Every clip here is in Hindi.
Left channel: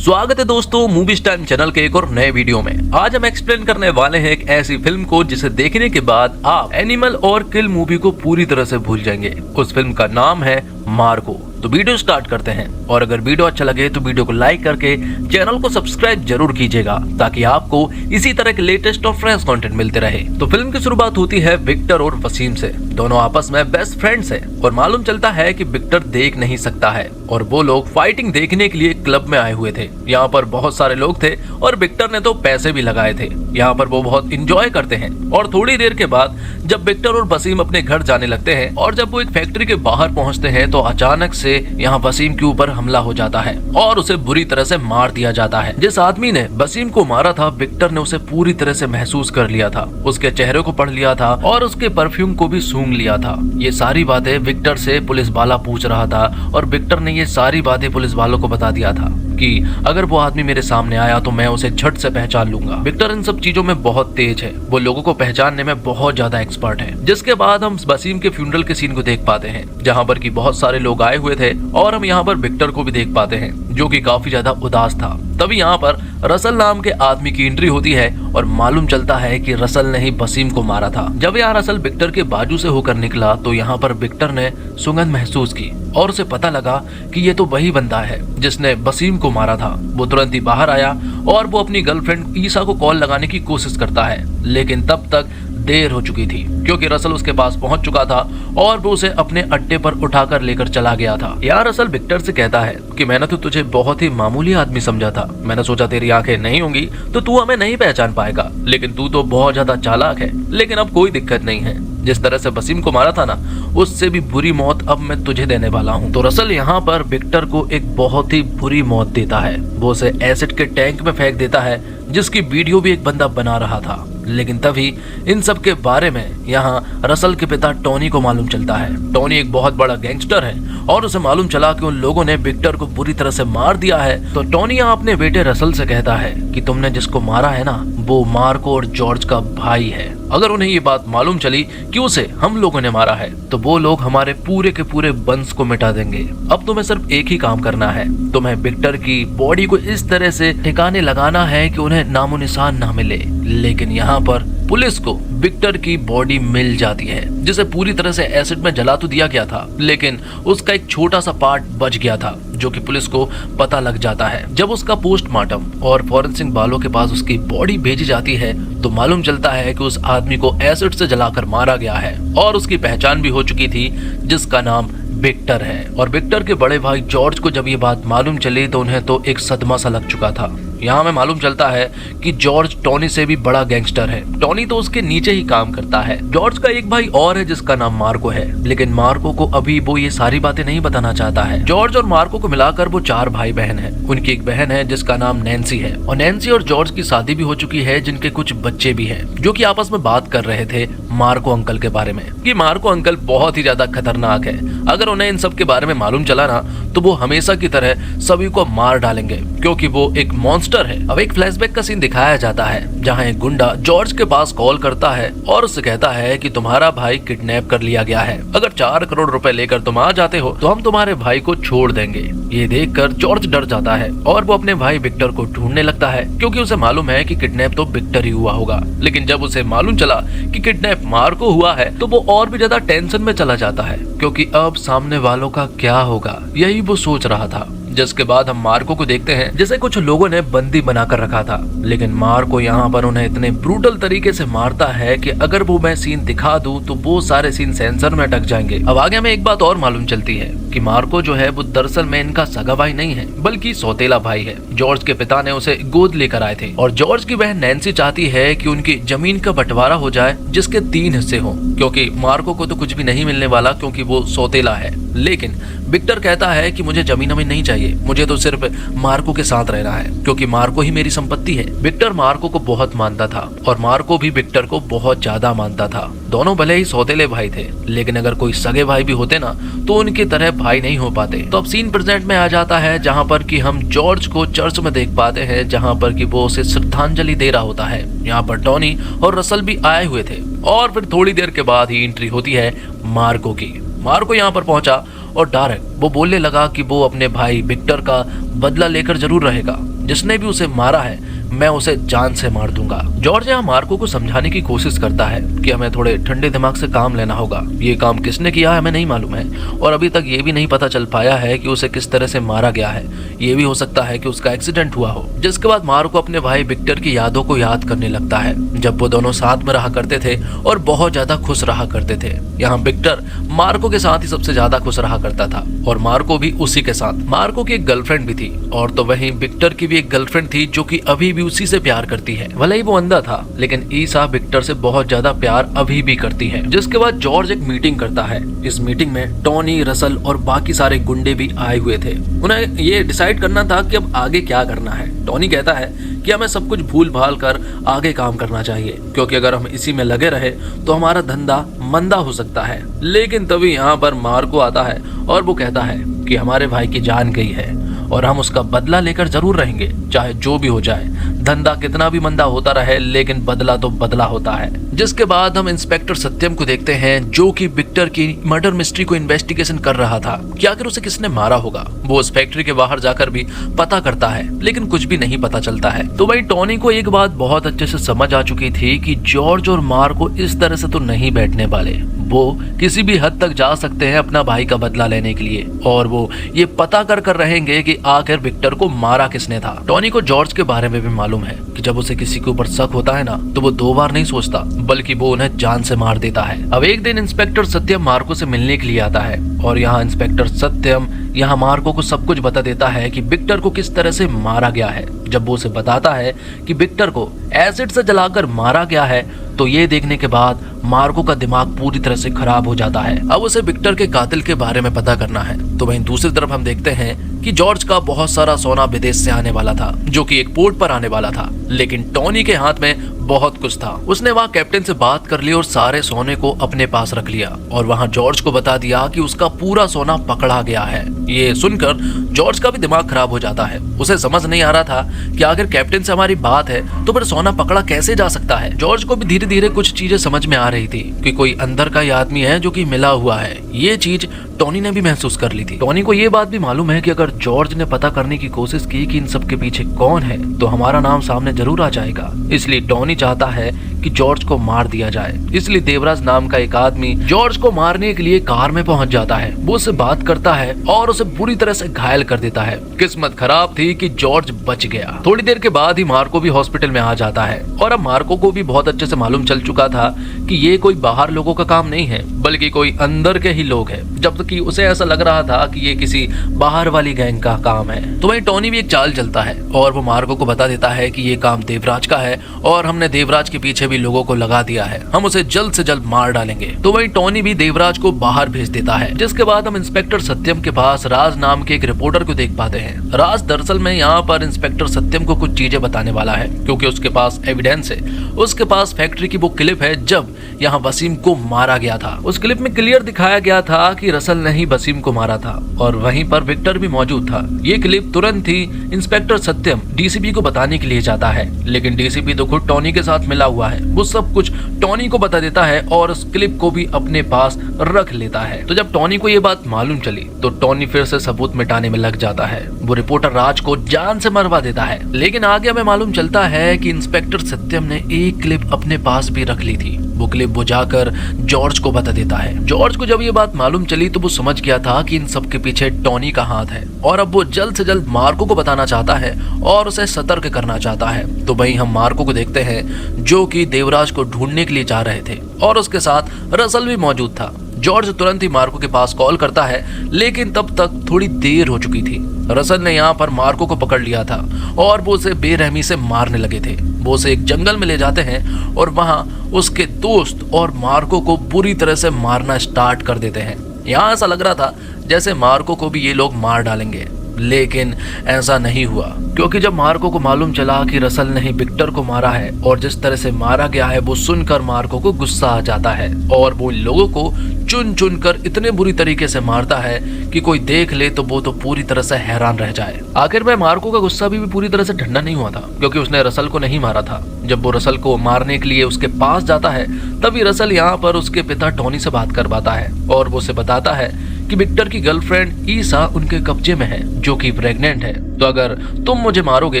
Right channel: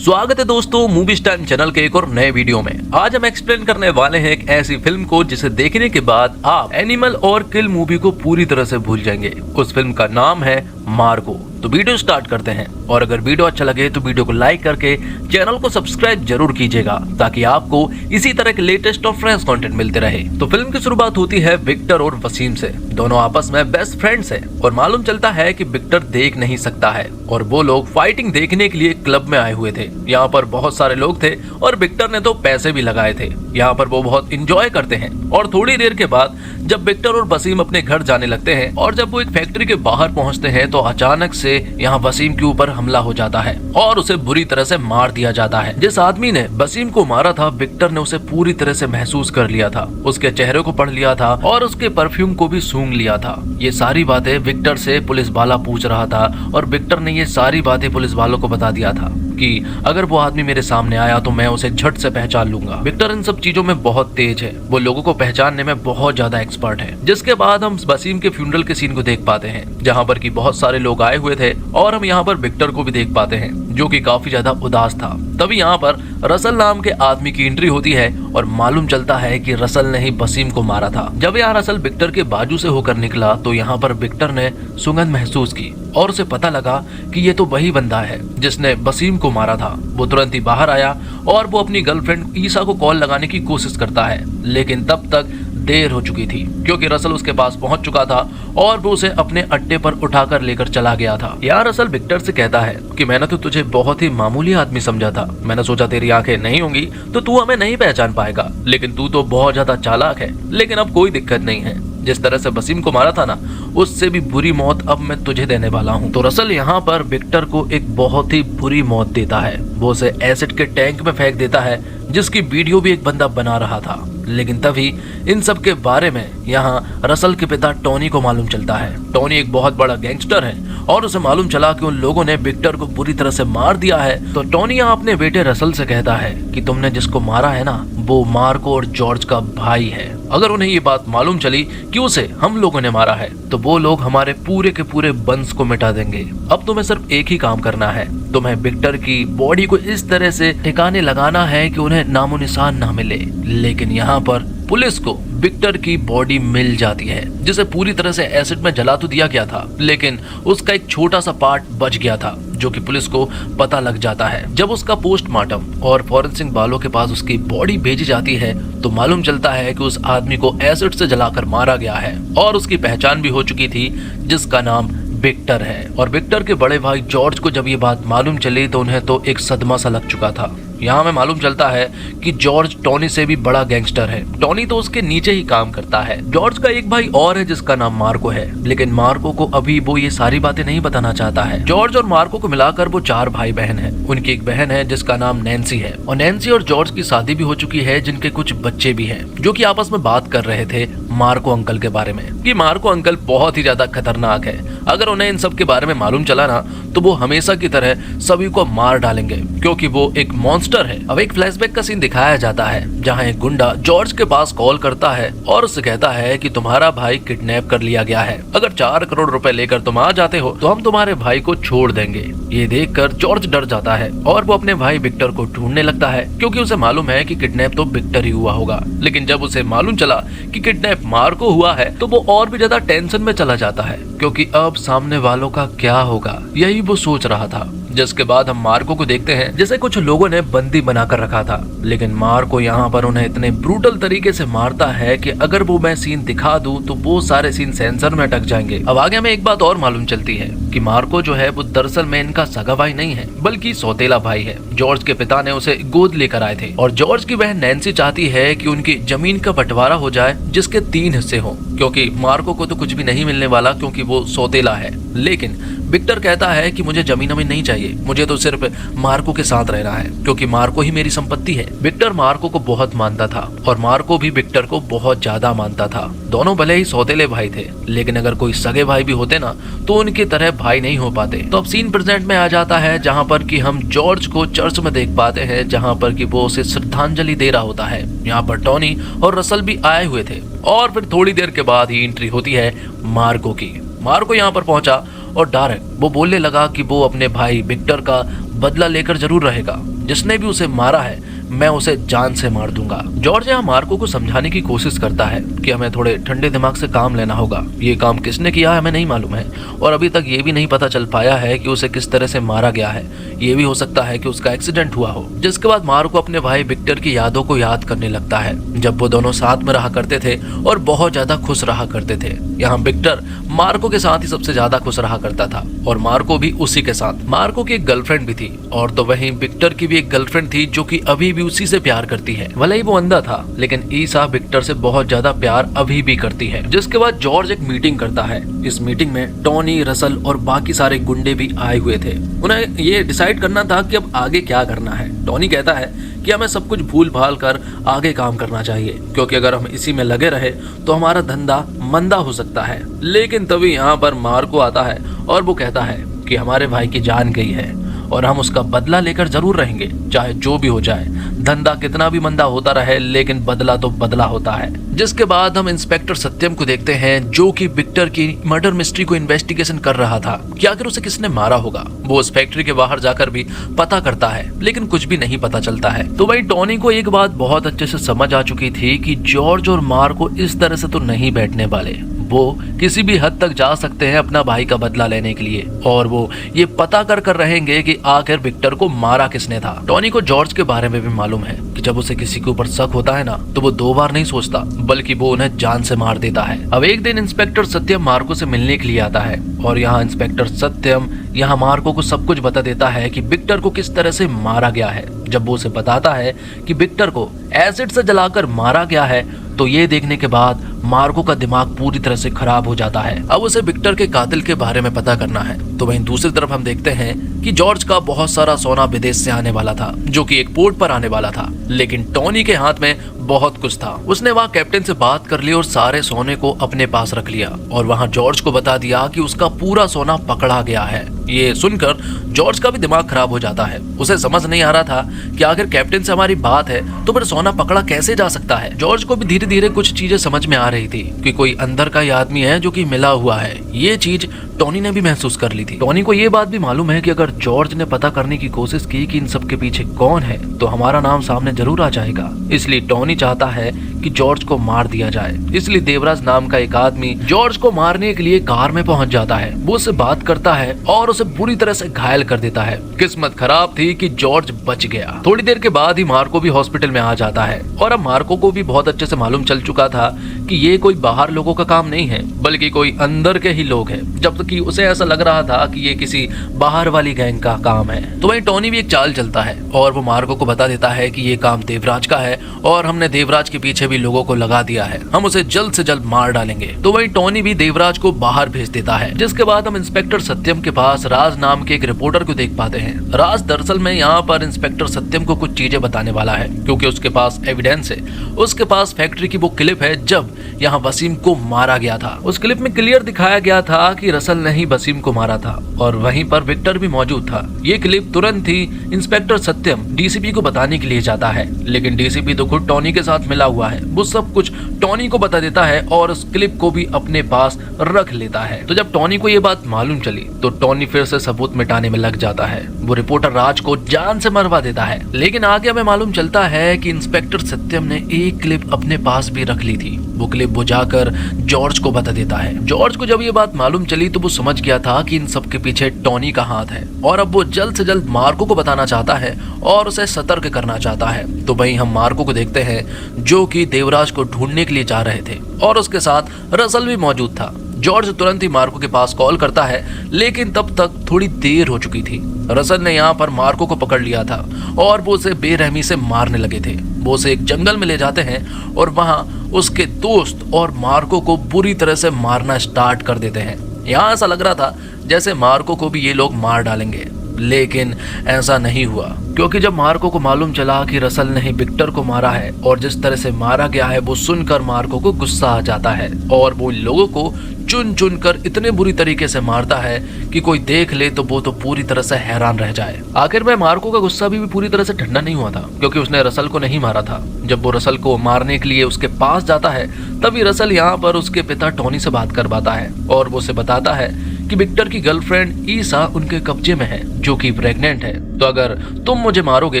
स्वागत है दोस्तों मूवीज टाइम चैनल के एक और नए वीडियो में। आज हम एक्सप्लेन करने वाले हैं एक ऐसी फिल्म को जिसे देखने के बाद आप एनिमल और किल मूवी को पूरी तरह से भूल जाएंगे। उस फिल्म का नाम है मार्को। तो वीडियो स्टार्ट करते हैं, और अगर वीडियो अच्छा लगे तो वीडियो को लाइक करके चैनल को सब्सक्राइब जरूर कीजिएगा ताकि आपको इसी तरह के लेटेस्ट और फ्रेश कंटेंट मिलते रहे। तो फिल्म की शुरुआत होती है विक्टर और वसीम से। दोनों आपस में बेस्ट फ्रेंड्स हैं और मालूम चलता है कि विक्टर देख नहीं सकता है और वो लोग फाइटिंग देखने के लिए क्लब में आए हुए थे। यहाँ पर बहुत सारे लोग थे और विक्टर ने तो पैसे भी लगाए थे। यहाँ पर वो बहुत इंजॉय करते हैं और थोड़ी देर के बाद जब विक्टर और वसीम अपने घर जाने लगते हैं और जब वो एक फैक्ट्री के बाहर पहुँचते हैं तो अचानक से यहाँ वसीम के ऊपर हमला हो जाता है और उसे बुरी तरह से मार दिया जाता है। जिस आदमी ने वसीम को मारा था विक्टर ने उसे पूरी तरह से महसूस कर लिया था, उसके चेहरे को पढ़ लिया था और उसके परफ्यूम को भी सूंघ लिया था। ये सारी बातें विक्टर से पुलिस वाला पूछ रहा था और विक्टर ने ये सारी बातें पुलिस वालों को बता दिया था कि अगर वो आदमी मेरे सामने आया तो मैं उसे झट से पहचान लूंगा। विक्टर इन सब चीजों में बहुत तेज है, वो लोगों को पहचानने में बहुत ज्यादा एक्सपर्ट है। जिसके बाद हम वसीम के फ्यूनरल के सीन को देख पाते हैं जहाँ पर कि बहुत सारे लोग आए हुए थे और हम यहाँ पर विक्टर को भी देख पाते हैं जो कि काफी ज्यादा उदास था। तभी यहाँ पर रसल नाम के आदमी की एंट्री होती है और मालूम चलता है कि रसल ने ही वसीम को मारा था। जब यहाँ रसल विक्टर के बाजू से होकर निकला तो यहाँ पर विक्टर ने सुगंध महसूस की और उसे पता लगा कि ये तो वही बंदा है जिसने वसीम को मारा था। वो तुरंत ही बाहर आया और वो अपनी गर्लफ्रेंड ईसा को कॉल लगाने की कोशिश करता है, लेकिन तब तक देर हो चुकी थी क्योंकि रसल उसके पास पहुंच चुका था और वो उसे अपने अड्डे पर उठाकर लेकर चला गया था। यार रसल विक्टर से कहता है कि मैंने तो तुझे बहुत ही मामूली आदमी समझा था, मैंने सोचा तेरी आंखें नहीं होंगी तो तू हमें नहीं पहचान पाएगा, लेकिन तू तो बहुत ज्यादा चालाक है। लेकिन अब कोई दिक्कत नहीं है, जिस तरह से वसीम को मारा था ना उससे भी बुरी मौत अब मैं तुझे देने वाला हूँ। तो रसल यहाँ पर विक्टर को एक बहुत ही बुरी मौत देता है। वो उसे एसिड के टैंक में फेंक देता है जिसकी वीडियो भी एक बंदा बना रहा था। लेकिन तभी इन सब के बारे में यहाँ रसल के पिता टोनी को मालूम चलता है। टोनी एक बहुत बड़ा गैंगस्टर है और उसे मालूम चला कि उन लोगों ने विक्टर को बुरी तरह से मार दिया है। तो टोनी यहाँ अपने बेटे रसल से कहता है कि तुमने जिसको मारा है ना वो मार्को और जॉर्ज का भाई है। अगर उन्हें ये बात मालूम चली कि उसे हम लोगों ने मारा है तो वो लोग हमारे पूरे के पूरे वंश को मिटा देंगे। अब तुम्हें सिर्फ एक ही काम करना है, तुम्हें विक्टर की बॉडी को इस तरह से ठिकाने लगाना है कि उन्हें नामो निशान ना मिले। लेकिन यहाँ पर पुलिस को विक्टर की बॉडी मिल जाती है जिसे पूरी तरह से एसिड में जला तो दिया गया था, लेकिन उसका एक छोटा सा पार्ट बच गया था जो कि पुलिस को पता लग जाता है। जब उसका पोस्टमार्टम और फॉरेंसिक वालों के पास उसकी बॉडी भेजी जाती है तो मालूम चलता है कि उस आदमी को एसिड से जलाकर मारा गया है और उसकी पहचान भी हो चुकी थी जिसका नाम विक्टर है। और विक्टर के बड़े भाई जॉर्ज को जब ये बात मालूम चली तो उन्हें तो एक सदमा सा लग चुका था। यहाँ में मालूम चलता है कि जॉर्ज टोनी से भी बड़ा गैंगस्टर है, टोनी तो उसके नीचे ही काम करता है। जॉर्ज का एक भाई और है जिसका नाम मार्को है, लेकिन मार्को को अभी वो ये सारी बातें नहीं बताना चाहता है। जॉर्ज और मार्को को मिलाकर वो 4 भाई बहन है। उनकी एक बहन है जिसका नाम नैन्सी है और नैन्सी और जॉर्ज की शादी भी हो चुकी है जिनके कुछ बच्चे भी है जो की आपस में बात कर रहे थे मार्को अंकल के बारे में कि मार्को अंकल बहुत ही ज्यादा खतरनाक है। अगर उन्हें इन सब के बारे में मालूम चला ना तो वो हमेशा की तरह सभी को मार डालेंगे क्योंकि वो एक मॉन्स्टर है। अब एक फ्लैशबैक का सीन दिखाया जाता है जहाँ एक गुंडा जॉर्ज के पास कॉल करता है और उससे कहता है कि तुम्हारा भाई किडनैप कर लिया गया है, अगर 4 करोड़ रुपए लेकर तुम आ जाते हो तो हम तुम्हारे भाई को छोड़ देंगे। ये देखकर जॉर्ज डर जाता है और वो अपने भाई विक्टर को ढूंढने लगता है क्योंकि उसे मालूम है कि किडनैप तो विक्टर ही हुआ होगा। लेकिन जब उसे मालूम चला कि किडनैप मार्को हुआ है तो वो और भी ज्यादा टेंशन में चला जाता है क्योंकि अब सामने वालों का क्या होगा यही वो सोच रहा था। जिसके बाद हम मार्को को देखते हैं जैसे कुछ लोगों ने बंदी बनाकर रखा था, लेकिन मार्को यहाँ पर उन्हें इतने ब्रूटल तरीके से मारता है कि अगर वो मैं सीन दिखा दूं तो वो सारे सीन सेंसर में अटक जाएंगे। अब आगे में एक बात और मालूम चलती है कि मार्को जो है वो दरअसल में इनका सगा भाई नहीं है बल्कि सौतेला भाई है। जॉर्ज के पिता ने उसे गोद लेकर आए थे और जॉर्ज की बहन नैन्सी चाहती है कि उनकी जमीन का बंटवारा हो जाए जिसके 3 हिस्से हो, क्योंकि मार्को को तो कुछ भी नहीं मिलने वाला क्योंकि वो सौतेला है। लेकिन विक्टर कहता है कि मुझे जमीन नहीं चाहिए, मुझे तो सिर्फ मार्को के साथ रहना है क्योंकि मार्को ही मेरी संपत्ति है। विक्टर मार्को को बहुत मानता था और मार्को भी विक्टर को बहुत ज्यादा मानता था। दोनों भले ही सौतेले भाई थे, लेकिन अगर कोई सगे भाई भी होते ना तो उनकी तरह भाई नहीं हो पाते। तो अब सीन प्रेजेंट में आ जाता है जहाँ पर कि हम जॉर्ज को चर्च में देख पाते हैं जहाँ पर कि वो उसे श्रद्धांजलि दे रहा होता है। यहाँ पर टोनी और रसल भी आए हुए थे और फिर थोड़ी देर के बाद ही एंट्री होती है मार्को की। मार्को यहाँ पर पहुंचा और डायरेक्ट वो बोलने लगा कि वो अपने भाई विक्टर का बदला लेकर जरूर रहेगा। जिसने भी उसे मारा है मैं उसे जान से मार दूंगा। जॉर्ज यहाँ मार्को को समझाने की कोशिश करता है कि हमें थोड़े ठंडे दिमाग से काम लेना होगा। ये काम किसने किया हमें नहीं मालूम है और अभी तक ये भी नहीं पता चल पाया है कि उसे किस तरह से मारा गया है। ये भी हो सकता है कि उसका एक्सीडेंट हुआ हो। जिसके बाद मार्को अपने भाई विक्टर की यादों को याद करने लगता है जब वो दोनों साथ में रहा करते थे और बहुत ज्यादा खुश रहा करते थे। यहाँ विक्टर मार्को के साथ ही सबसे ज्यादा खुश रहा करता था और मार्को भी उसी के साथ। मार्को की एक गर्लफ्रेंड भी थी और तो वहीं विक्टर की भी एक गर्लफ्रेंड थी जो कि अभी भी उसी से प्यार करती है। भले ही वो अंधा था लेकिन ईसा विक्टर से बहुत ज्यादा प्यार अभी भी करती है। जिसके बाद जॉर्ज एक मीटिंग करता है। इस मीटिंग में टोनी, रसल और बाकी सारे गुंडे भी आए हुए थे। उन्हें ये डिसाइड करना था कि अब आगे क्या करना है। टोनी कहता है कि हमें सब कुछ भूल भाल कर आगे काम करना चाहिए क्योंकि अगर हम इसी में लगे रहे तो हमारा धंधा मंदा हो सकता है। लेकिन तभी यहाँ पर मार्को आता है और वो कहता है कि हमारे भाई की जान गई है और हम उसका बदला लेकर जरूर रहेंगे, चाहे जो भी हो जाए। धंधा कितना भी मंदा होता रहे लेकिन बदला तो बदला होता है। जिसके बाद हम इंस्पेक्टर सत्यम को देखते हैं जो कि विक्टर की मर्डर मिस्ट्री को इन्वेस्टिगेशन कर रहा था कि आखिर उसे किसने मारा होगा। वो उस फैक्ट्री के बाहर जाकर भी पता करता है लेकिन कुछ भी नहीं पता चलता है। तो भाई टोनी को एक बात बहुत अच्छे से समझ आ चुकी थी कि जॉर्ज और मार्को इस तरह से तो नहीं बैठने वाले। वो किसी भी हद तक जा सकते हैं अपना भाई का बदला लेने के लिए और वो ये पता कर रहेंगे कि आखिर विक्टर को मारा किसने था। टोनी को जॉर्ज के बारे में भी मालूम है कि जब उसे किसी के ऊपर शक होता है ना तो वो दो बार नहीं सोचता बल्कि वो उन्हें जान से मार देता है। अब एक दिन इंस्पेक्टर सत्यम मार्को से मिलने के लिए आता है और यहाँ इंस्पेक्टर सत्यम यहाँ मार्को को सब कुछ बता देता है कि विक्टर को किस तरह से मारा गया है। जब वो उसे बताता है कि विक्टर को एसिड से जलाकर मारा गया है तो ये देखने के बाद मार्को का दिमाग पूरी तरह से खराब हो जाता है। अब उसे विक्टर के कातिल के बारे में पता करना है। तो वहीं दूसरी तरफ हम देखते हैं कि जॉर्ज का बहुत सारा सोना विदेश से आने वाला था जो कि एक पोर्ट पर आने वाला था, लेकिन टोनी के हाथ में बहुत कुछ था। उसने वहाँ कैप्टन से बात कर ली और सारे सोने को अपने पास रख लिया और वहाँ जॉर्ज को बता दिया कि उसका पूरा सोना पकड़ा गया है। ये सुनकर जॉर्ज का भी दिमाग खराब हो जाता है। उसे समझ नहीं आ रहा था कि अगर कैप्टन से हमारी बात है तो फिर सोना पकड़ा कैसे जा सकता है। जॉर्ज को भी धीरे धीरे कुछ चीजें समझ में आ रही थी कि कोई अंदर का ही आदमी है जो कि मिला हुआ है। ये चीज टोनी ने भी महसूस कर ली थी। टोनी को ये बात भी मालूम है कि अगर जॉर्ज ने पता करने की कोशिश की कि इन सब के पीछे कौन है तो हमारा नाम सामने जरूर आ जाएगा। इसलिए टोनी चाहता है कि जॉर्ज को मार दिया जाए। इसलिए देवराज नाम का एक आदमी जॉर्ज को मारने के लिए कार में पहुंच जाता है। वो उससे बात करता है और उसे पूरी तरह से घायल कर देता है। किस्मत खराब थी कि जॉर्ज बच गया। थोड़ी देर के बाद ही मार्को भी हॉस्पिटल में आ जाता है और अब मार्को को भी बहुत अच्छे से मालूम चल चुका था कि ये कोई बाहर लोगों का काम नहीं है बल्कि कोई अंदर के ही लोग हैं, जबकि उसे ऐसा लग रहा था कि ये किसी बाहर वाली गैंग का काम है। तो वहीं टोनी भी एक चाल चलता है और वो मार्को को बता देता है कि ये काम देवराज का है और हमने देवराज के पीछे भी लोगों को लगा दिया है, हम उसे जल्द से जल्द मार डालेंगे। तो वहीं टोनी भी देवराज को बाहर भेज देता है। जिसके बाद हम इंस्पेक्टर सत्यम के पास राज नाम के एक रिपोर्टर को देख पाते हैं। राज दरअसल में यहाँ पर इंस्पेक्टर सत्यम को कुछ चीजें बताने वाला है क्योंकि उसके पास एविडेंस है। उसके पास फैक्ट्री की वो क्लिप है जब यहाँ वसीम को मारा गया था। उस क्लिप में क्लियर दिखाया गया था कि रसल ने ही वसीम को मारा था और वहीं पर विक्टर भी मौजूद था। ये क्लिप तुरंत ही इंस्पेक्टर सत्यम डीसीपी को बताने के लिए जाता है, लेकिन डीसीपी तो खुद टोनी के साथ मिला हुआ है। वो सब कुछ टोनी को बता देता है और उस क्लिप को भी अपने पास रख लेता है। तो जब टोनी को ये बात मालूम चली तो टोनी फिर से सबूत मिटाने में लग जाता है। वो रिपोर्टर राज को जान से मरवा देता है। लेकिन आगे हमें मालूम चलता है कि इंस्पेक्टर सत्यम ने एक क्लिप अपने पास भी रख ली थी। वो क्लिप वो जाकर जॉर्ज को बता देता है। जॉर्ज को जब ये बात मालूम चली तो वो समझ गया था कि इन सब के पीछे टोनी का हाथ है और अब वो जल्द से जल्द मार्को को बताना चाहता है और उसे सतर्क करना चाहता है। तो वहीं हम मार्को को देखते हैं जो कि देवराज को ढूंढने के लिए जा रहे थे और उसके साथ रसल भी मौजूद था। जॉर्ज तुरंत ही मार्को के पास कॉल करता है, लेकिन तब तक थोड़ी देर हो चुकी थी। रसल ने यहाँ पर मार्को को पकड़ लिया था और वो उसे बेरहमी से मारने लगे थे। वो उसे एक जंगल में ले जाते हैं और वहाँ उसके दोस्त और मार्को को बुरी तरह से मारना स्टार्ट कर देते हैं। यहाँ ऐसा लग रहा था जैसे मार्को को भी ये लोग मार डालेंगे, लेकिन ऐसा नहीं हुआ क्योंकि जब मार्को को मालूम चला कि रसल ने ही विक्टर को मारा है और जिस तरह से मारा गया है वो सुनकर मार्को को गुस्सा आ जाता है और वो लोगों को चुन चुन कर इतने बुरी तरीके से मारता है कि कोई देख ले तो वो तो पूरी तरह से हैरान रह जाए। आखिर में मार्को का गुस्सा भी पूरी तरह से ठंडा नहीं हुआ था क्योंकि उसने रसल को नहीं मारा था। जब वो रसल को मारने के लिए उसके पास जाता है तभी रसल यहाँ पर उसके पिता टोनी से बात कर पाता है और वो उसे बताता है कि विक्टर की गर्लफ्रेंड ईसा उनके कब्जे में है जो कि प्रेग्नेंट है तो अगर तुम मुझे मारोगे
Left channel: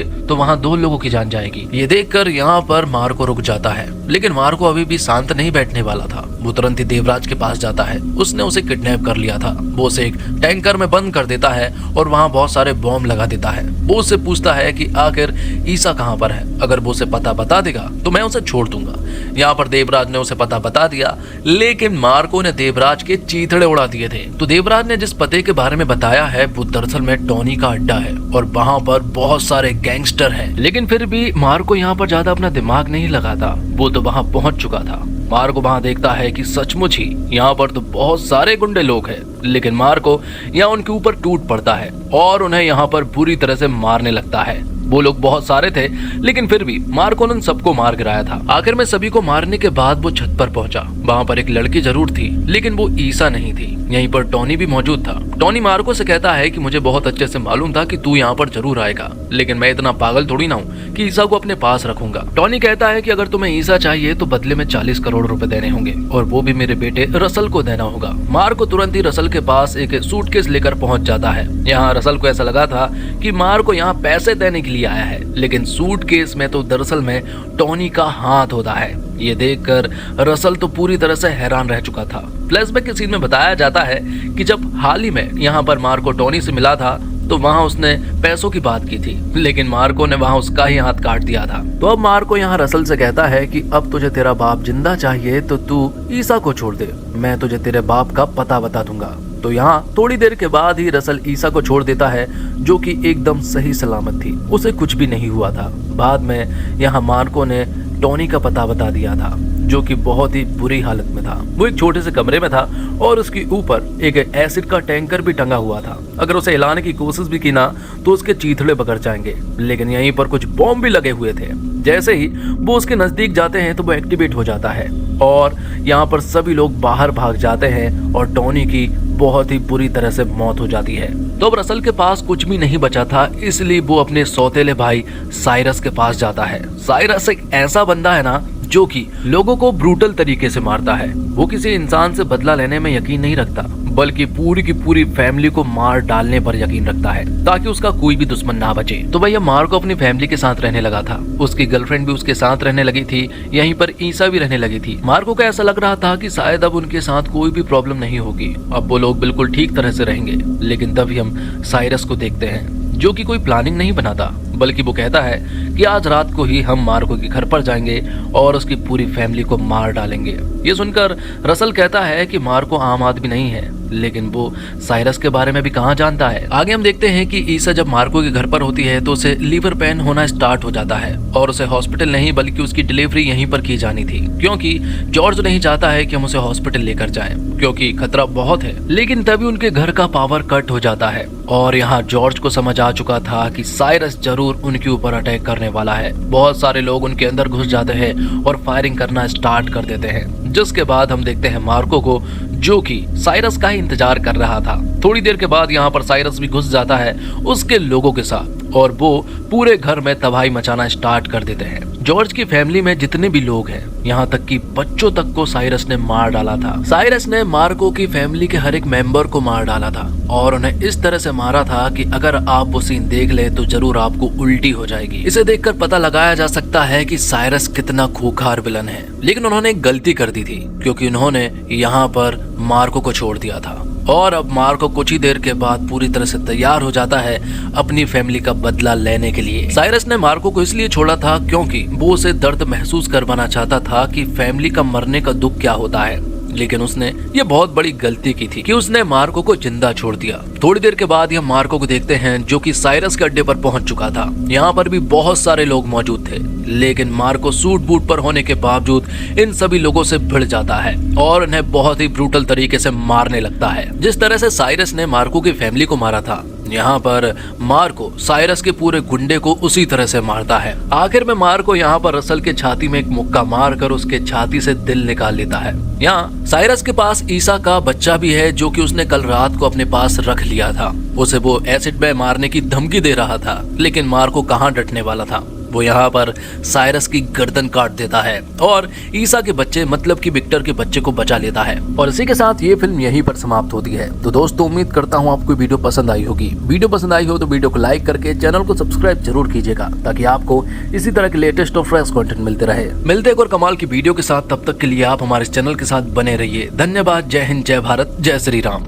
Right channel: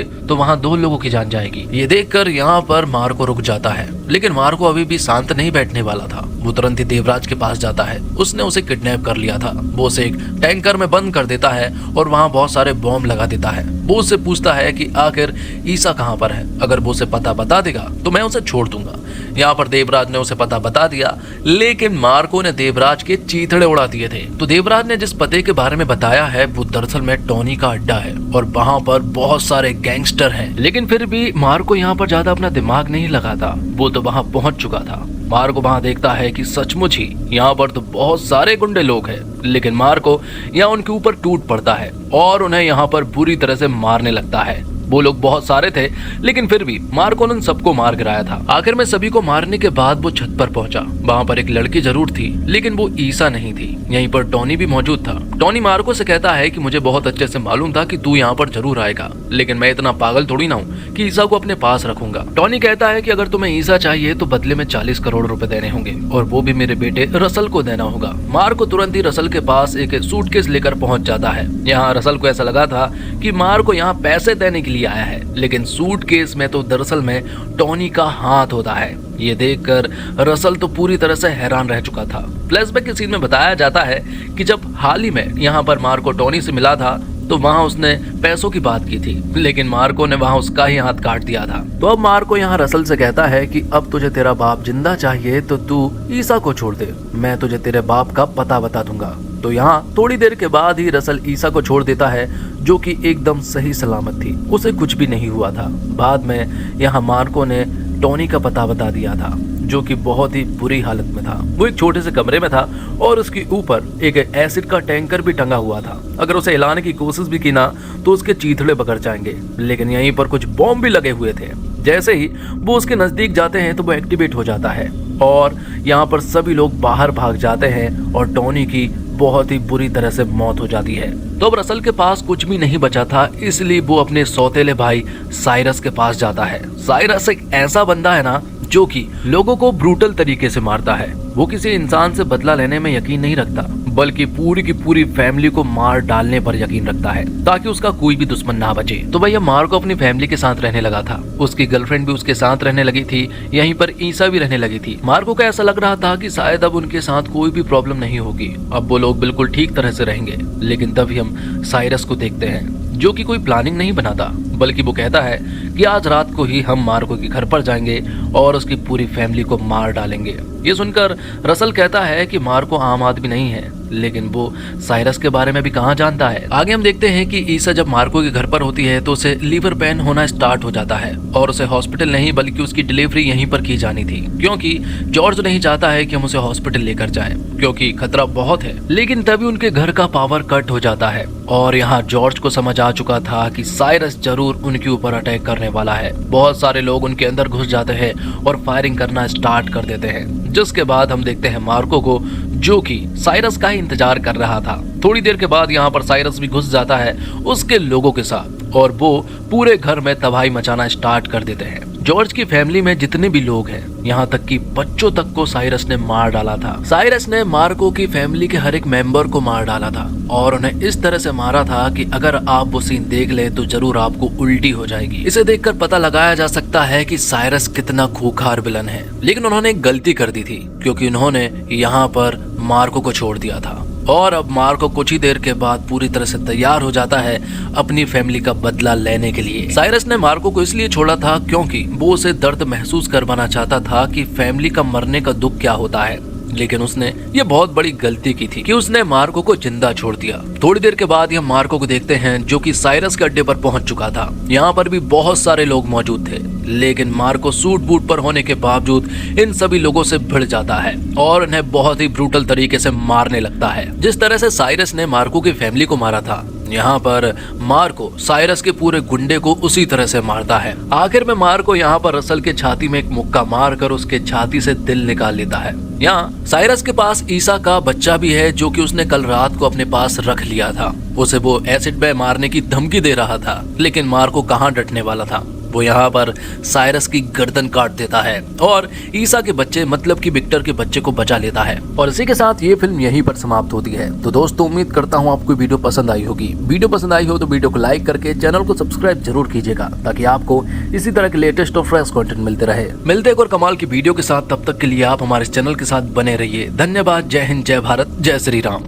तो वहाँ 2 लोगों की जान जाएगी। ये देखकर यहाँ पर मार्को रुक जाता है, लेकिन मार्को अभी भी शांत नहीं बैठने वाला था। वो तुरंत ही देवराज के पास जाता है। उसने उसे किडनैप कर लिया था। वो उसे एक टैंकर में बंद कर देता है और वहाँ बहुत सारे बॉम्ब लगा देता है। वो उससे पूछता है कि आखिर ईसा कहाँ पर है। अगर वो उसे पता बता देगा तो मैं उसे छोड़ दूंगा। यहाँ पर देवराज ने उसे पता बता दिया, लेकिन मार्को ने देवराज के चीथड़े उड़ा दिए थे। तो देवराज ने जिस पते के बारे में बताया है वो दरअसल में टोनी का अड्डा है और वहाँ पर बहुत सारे गैंगस्टर हैं। लेकिन फिर भी मार्को यहाँ पर ज्यादा अपना दिमाग नहीं लगाता। वो तो वहाँ पहुँच चुका था। मार्को वहाँ देखता है कि सचमुच ही यहाँ पर तो बहुत सारे गुंडे लोग हैं। लेकिन मार्को यहाँ उनके ऊपर टूट पड़ता है और उन्हें यहाँ पर बुरी तरह से मारने लगता है। वो लोग बहुत सारे थे, लेकिन फिर भी मार्को ने सबको मार गिराया था। आखिर में सभी को मारने के बाद वो छत पर पहुंचा। वहाँ पर एक लड़की जरूर थी, लेकिन वो ईसा नहीं थी। यहीं पर टोनी भी मौजूद था। टोनी मार्को से कहता है कि मुझे बहुत अच्छे से मालूम था कि तू यहाँ पर जरूर आएगा, लेकिन मैं इतना पागल थोड़ी ना हूँ कि ईसा को अपने पास रखूंगा। टोनी कहता है कि अगर तुम्हें ईसा चाहिए तो बदले में 40 करोड़ रुपए देने होंगे और वो भी मेरे बेटे रसल को देना होगा। मार्को तुरंत ही रसल के पास एक सूटकेस लेकर पहुंच जाता है। यहाँ रसल को ऐसा लगा था कि मार्को यहाँ पैसे देने के लिए आया है, लेकिन सूटकेस में तो दरअसल में टोनी का हाथ होता है। ये देखकर रसल तो पूरी तरह से हैरान रह चुका था। फ्लैशबैक के सीन में बताया जाता है कि जब हाल ही में यहाँ पर मार्को टोनी से मिला था तो वहाँ उसने पैसों की बात की थी, लेकिन मार्को ने वहाँ उसका ही हाथ काट दिया था। तो अब मार्को यहाँ रसल से कहता है कि अब तुझे तेरा बाप जिंदा चाहिए तो तू ईसा को छोड़ दे, मैं तुझे तेरे बाप का पता बता दूंगा। तो यहाँ थोड़ी देर के बाद ही रसल ईसा को छोड़ देता है, जो कि एकदम सही सलामत थी। उसे कुछ भी नहीं हुआ था। बाद में यहाँ मार्को ने टोनी का पता बता दिया था, जो कि बहुत ही बुरी हालत में था। वो एक छोटे से कमरे में था और उसके ऊपर एक एसिड का टैंकर भी टंगा हुआ था। अगर उसे हिलाने की कोशिश भी की ना तो उसके चीथड़े बिगड़ जाएंगे। लेकिन यहीं पर कुछ बॉम्ब भी लगे हुए थे। जैसे ही वो उसके नजदीक जाते हैं तो वो एक्टिवेट हो जाता है और यहाँ पर सभी लोग बाहर भाग जाते हैं और टोनी की बहुत ही बुरी तरह से मौत हो जाती है। तो अब रसल के पास कुछ भी नहीं बचा था, इसलिए वो अपने सौतेले भाई साइरस के पास जाता है। साइरस एक ऐसा बंदा है ना जो कि लोगों को ब्रूटल तरीके से मारता है। वो किसी इंसान से बदला लेने में यकीन नहीं रखता, बल्कि पूरी की पूरी फैमिली को मार डालने पर यकीन रखता है ताकि उसका कोई भी दुश्मन ना बचे। तो भैया मार्को अपनी फैमिली के साथ रहने लगा था। उसकी गर्लफ्रेंड भी उसके साथ रहने लगी थी। यहीं पर ईसा भी रहने लगी थी। मार्को को ऐसा लग रहा था कि शायद अब उनके साथ कोई भी प्रॉब्लम नहीं होगी, अब वो लोग बिल्कुल ठीक तरह से रहेंगे। लेकिन तभी हम साइरस को देखते हैं, जो कि कोई प्लानिंग नहीं बनाता, बल्कि वो कहता है कि आज रात को ही हम मार्को के घर पर जाएंगे और उसकी पूरी फैमिली को मार डालेंगे। ये सुनकर रसल कहता है कि मार्को आम आदमी नहीं है, लेकिन वो साइरस के बारे में भी कहाँ जानता है। आगे हम देखते हैं कि ईसा जब मार्को के घर पर होती है तो उसे लीवर पेन होना स्टार्ट हो जाता है और उसे हॉस्पिटल नहीं बल्कि उसकी डिलीवरी यहीं पर की जानी थी, क्योंकि जॉर्ज नहीं चाहता है कि हम उसे हॉस्पिटल लेकर जाए क्योंकि खतरा बहुत है। लेकिन तभी उनके घर का पावर कट हो जाता है और यहाँ जॉर्ज को समझ आ चुका था कि साइरस जरूर उनके ऊपर अटैक करने वाला है। बहुत सारे लोग उनके अंदर घुस जाते हैं और फायरिंग करना स्टार्ट कर देते हैं, जिसके बाद हम देखते हैं मार्को को, जो कि साइरस का इंतजार कर रहा था। थोड़ी देर के बाद यहाँ पर साइरस भी घुस जाता है उसके लोगों के साथ और वो पूरे घर में तबाही मचाना स्टार्ट कर देते हैं। जॉर्ज की फैमिली में जितने भी लोग हैं, यहाँ तक कि बच्चों तक को साइरस ने मार डाला था। साइरस ने मार्को की फैमिली के हर एक मेंबर को मार डाला था और उन्हें इस तरह से मारा था कि अगर आप वो सीन देख ले तो जरूर आपको उल्टी हो जाएगी। इसे देखकर पता लगाया जा सकता है कि साइरस कितना खूंखार विलन है। लेकिन उन्होंने एक गलती कर दी थी, क्योंकि उन्होंने यहाँ पर मार्को को छोड़ दिया था और अब मार्को कुछ ही देर के बाद पूरी तरह से तैयार हो जाता है अपनी फैमिली का बदला लेने के लिए। साइरस ने मार्को को इसलिए छोड़ा था क्योंकि वो उसे दर्द महसूस करवाना चाहता था कि फैमिली का मरने का दुख क्या होता है। लेकिन उसने ये बहुत बड़ी गलती की थी कि उसने मार्को को जिंदा छोड़ दिया। थोड़ी देर के बाद हम मार्को को देखते हैं, जो कि साइरस के अड्डे पर पहुंच चुका था। यहाँ पर भी बहुत सारे लोग मौजूद थे, लेकिन मार्को सूट बूट पर होने के बावजूद इन सभी लोगों से भिड़ जाता है और उन्हें बहुत ही ब्रूटल तरीके से मारने लगता है। जिस तरह से साइरस ने मार्को की फैमिली को मारा था, यहाँ पर मार्को साइरस के पूरे गुंडे को उसी तरह से मारता है। आखिर में मार्को यहाँ पर रसल के छाती में एक मुक्का मारकर उसके छाती से दिल निकाल लेता है। यहाँ साइरस के पास ईसा का बच्चा भी है, जो कि उसने कल रात को अपने पास रख लिया था। उसे वो एसिड में मारने की धमकी दे रहा था, लेकिन मार्को कहाँ डटने वाला था। वो यहाँ पर साइरस की गर्दन काट देता है और ईसा के बच्चे मतलब कि विक्टर के बच्चे को बचा लेता है। और इसी के साथ ये फिल्म यहीं पर समाप्त होती है। तो दोस्तों उम्मीद करता हूँ आपको वीडियो पसंद आई होगी। वीडियो पसंद आई हो तो वीडियो को लाइक करके चैनल को सब्सक्राइब जरूर कीजिएगा, ताकि आपको इसी तरह के लेटेस्ट और फ्रेश कंटेंट मिलते रहे। मिलते हैं एक और कमाल की वीडियो के साथ, तब तक के लिए आप हमारे चैनल के साथ बने रहिए। धन्यवाद। जय हिंद, जय भारत, जय श्री राम।